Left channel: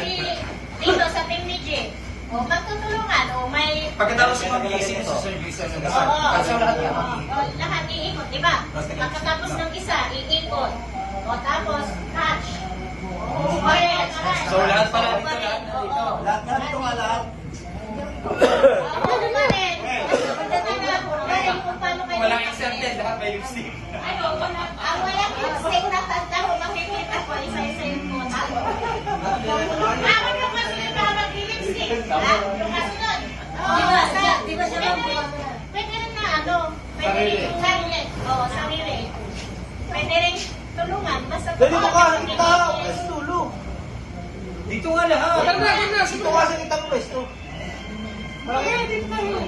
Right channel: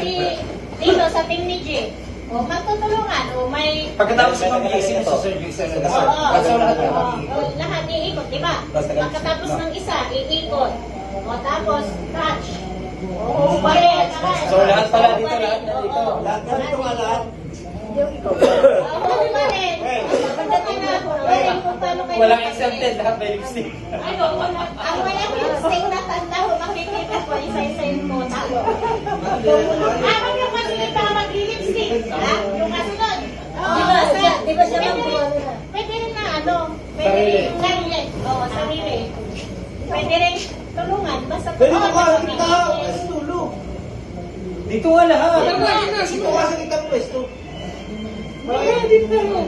si Tito sa team ni J. O, magtutulungan. O, may... Pagkatapos ng mag-iisip sa service sa lahat iikot, di ba? Pagkatapos ng isa, iikot. O, tapos, catch. O, balik. So, lahat pala dito. Lahat kami kung alam. O, balik. Walang exempted, lahat may lipstick. Ano, ang walang lipstick na tanda ko, makikita ko, isa-isayin mo. Ako yung kasunod na mag-lipstick. Yung kasunod. Di ba siya pwede rin na ano, pwede rin sarili. Oo, sarili. Pwede rin tulungan. Basta Dito ka, tulong. Dito nga lahat. Dito kasi kita mo pwesto. dito na yun.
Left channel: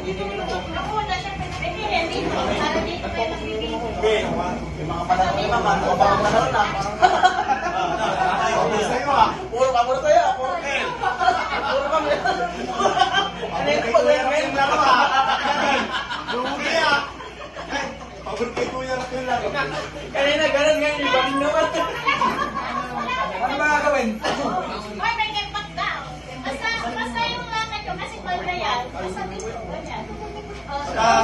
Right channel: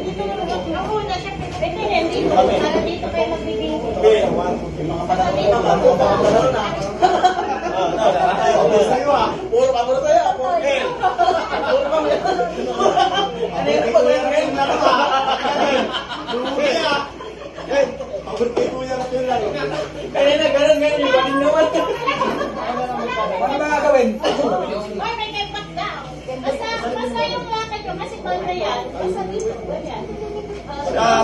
Ako na siya, pwede rin dito. Para dito kayo magbibigay. Yung mga panahon naman, mga panahon na. Sa'yo ah. Puro ka muna sa'yo. Puro ka muna. Ano yung pag-ibig na naman? Lugi ah. Pagod kay Kuya na sila. Kanina, ganun yung bagin naman. Ano ba gagawin? Ay, may kepat na. Basta yung lakad yung kasi na yan. Basta dito, ganyan.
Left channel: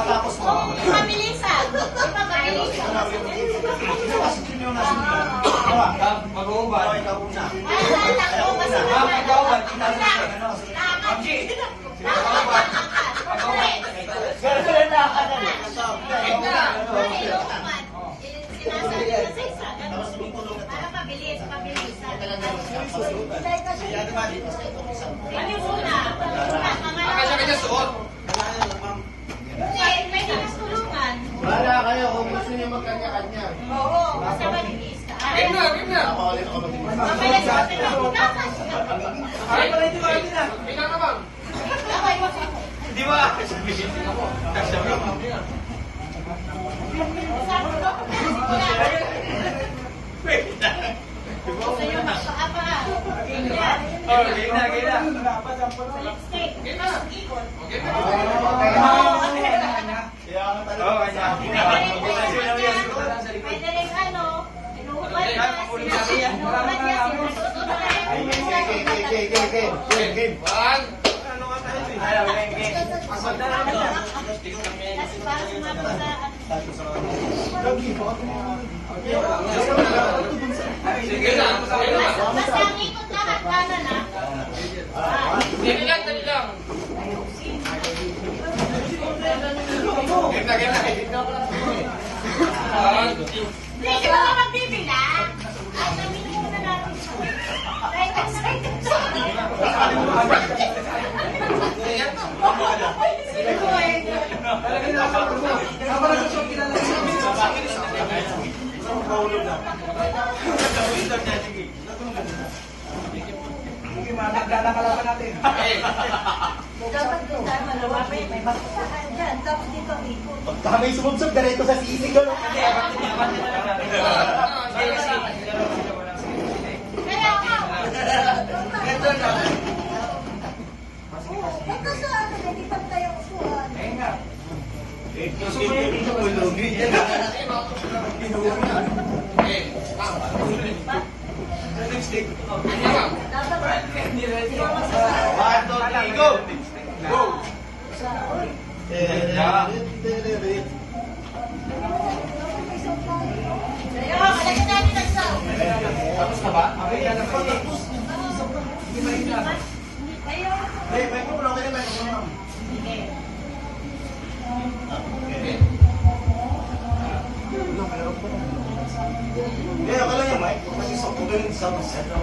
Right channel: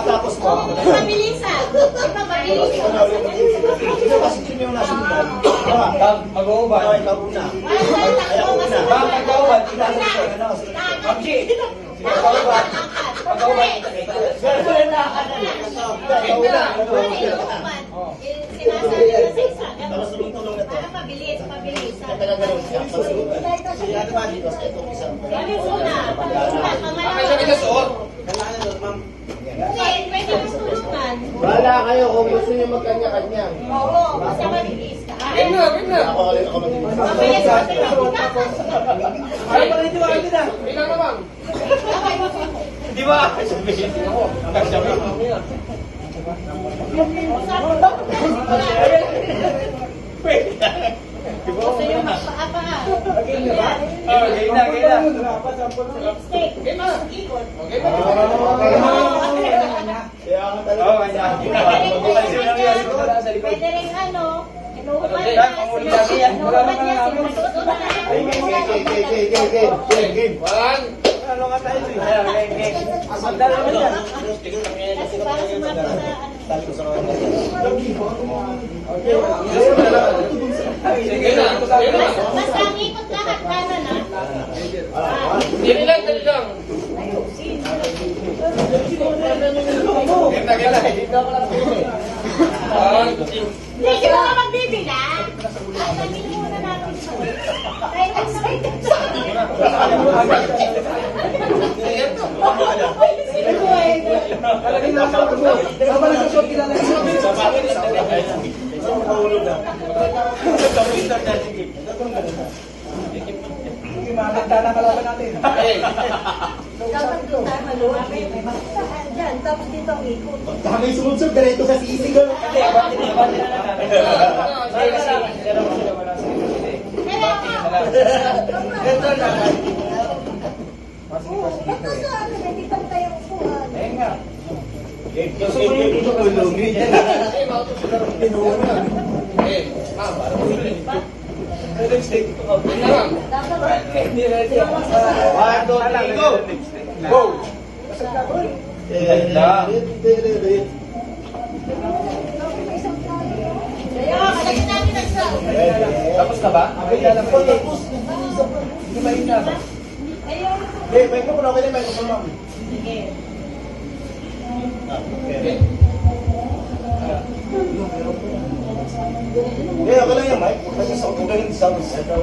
Tapos mo. Mabilisan. Mabilisan. Ito kasi yun yung nasunod. Mag-uubad. Mag-uubad. Abji. Mag-uubad. Mag-uubad. Ganun na ka na. Sinasabi ko sa isa. Para mabilis. Ano yung una? Pwede yung tulungan. Wala kayo kung gusto niyo magkanya-kanya. Oo, basta mabilis ka. Di ba? Gusto yung magpaapa. Game na. Lipstick. Ikot. Pwede rin ano, inuubad niya. Inuubad niya. Game. Ano nga tayo? Magdala na yan. Kasi para sumama sa basta ang ikot lahat kanan na. Dali lang. Hindi, di ba ka magbibilang? Ay, sabihin muna natin ito. Tapos dito ang ikot. May sumunsog dito sa sisig. Basta sa ano, hindi pa tayong upuan. Go! Tapos na ba? Hey, may ko na ako din, may ko na. Eh, ako lang yung mic. Kasi sa ako galing sa sound.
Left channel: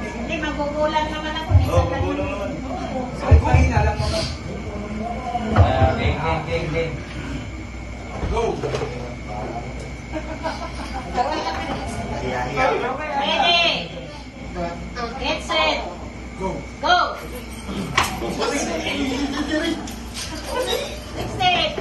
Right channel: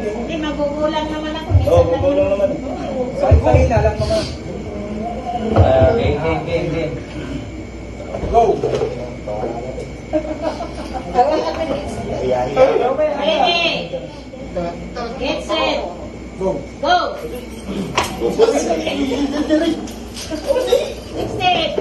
Hindi, magugulan naman ako. Oo, gugulang naman. Kahit mahina lang naman. Game. Go! Ready. Get set. Go! Go. Lipstick.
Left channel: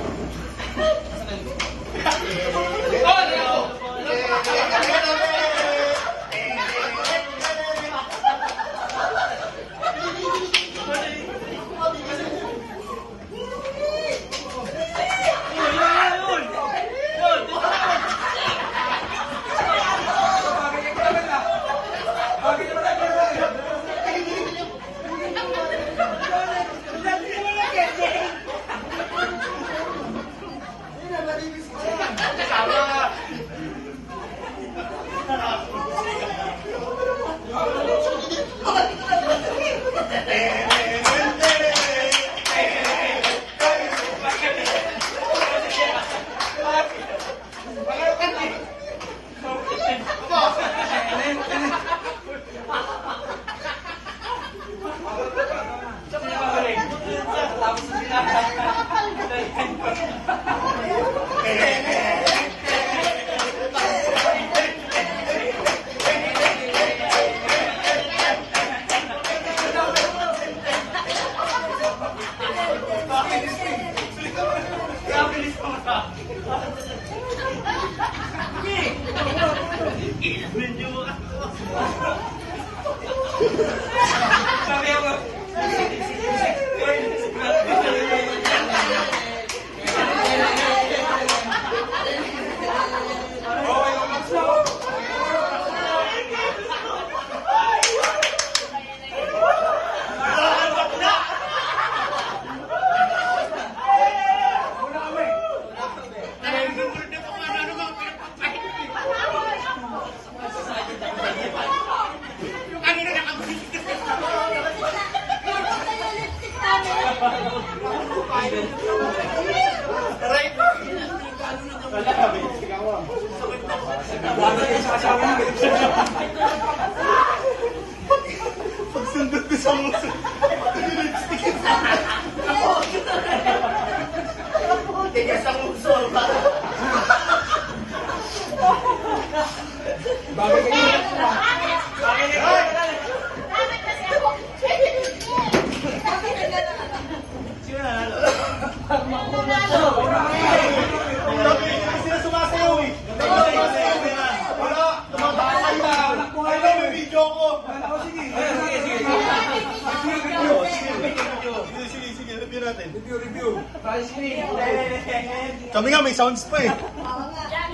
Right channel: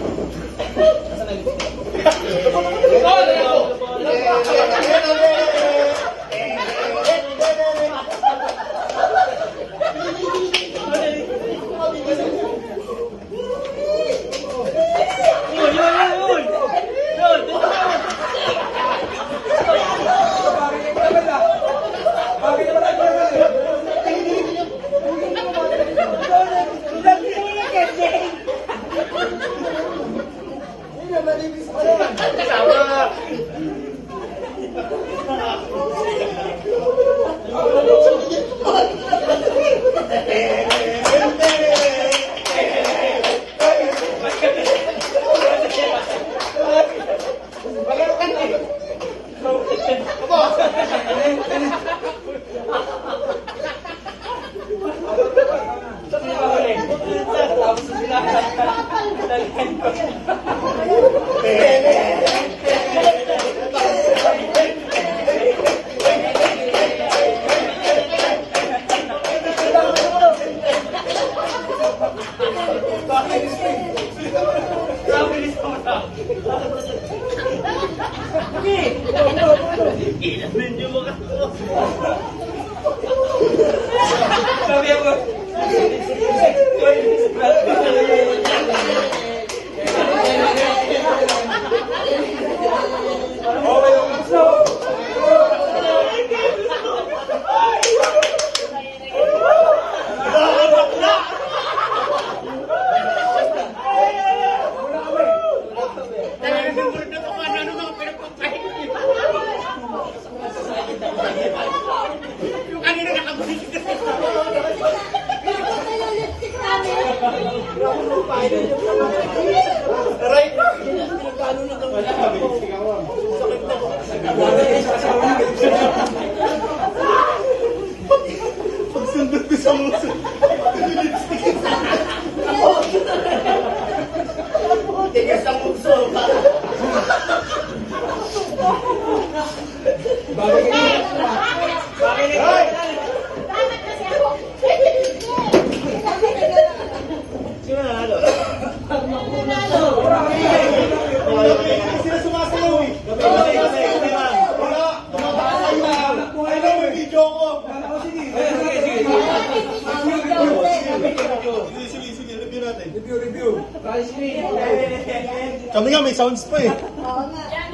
Right? Wala kami. Pagsundot ko sa muso. Tigas ang muso. Bakit Bakit kasi ako? sino nanalo? Nanalo. Sila sumasayaw eh. Wala. Tumatakay na. Ay na, may video ko. Sige, review natin. Review. Kami nga, may sounds pa eh. Oo nga.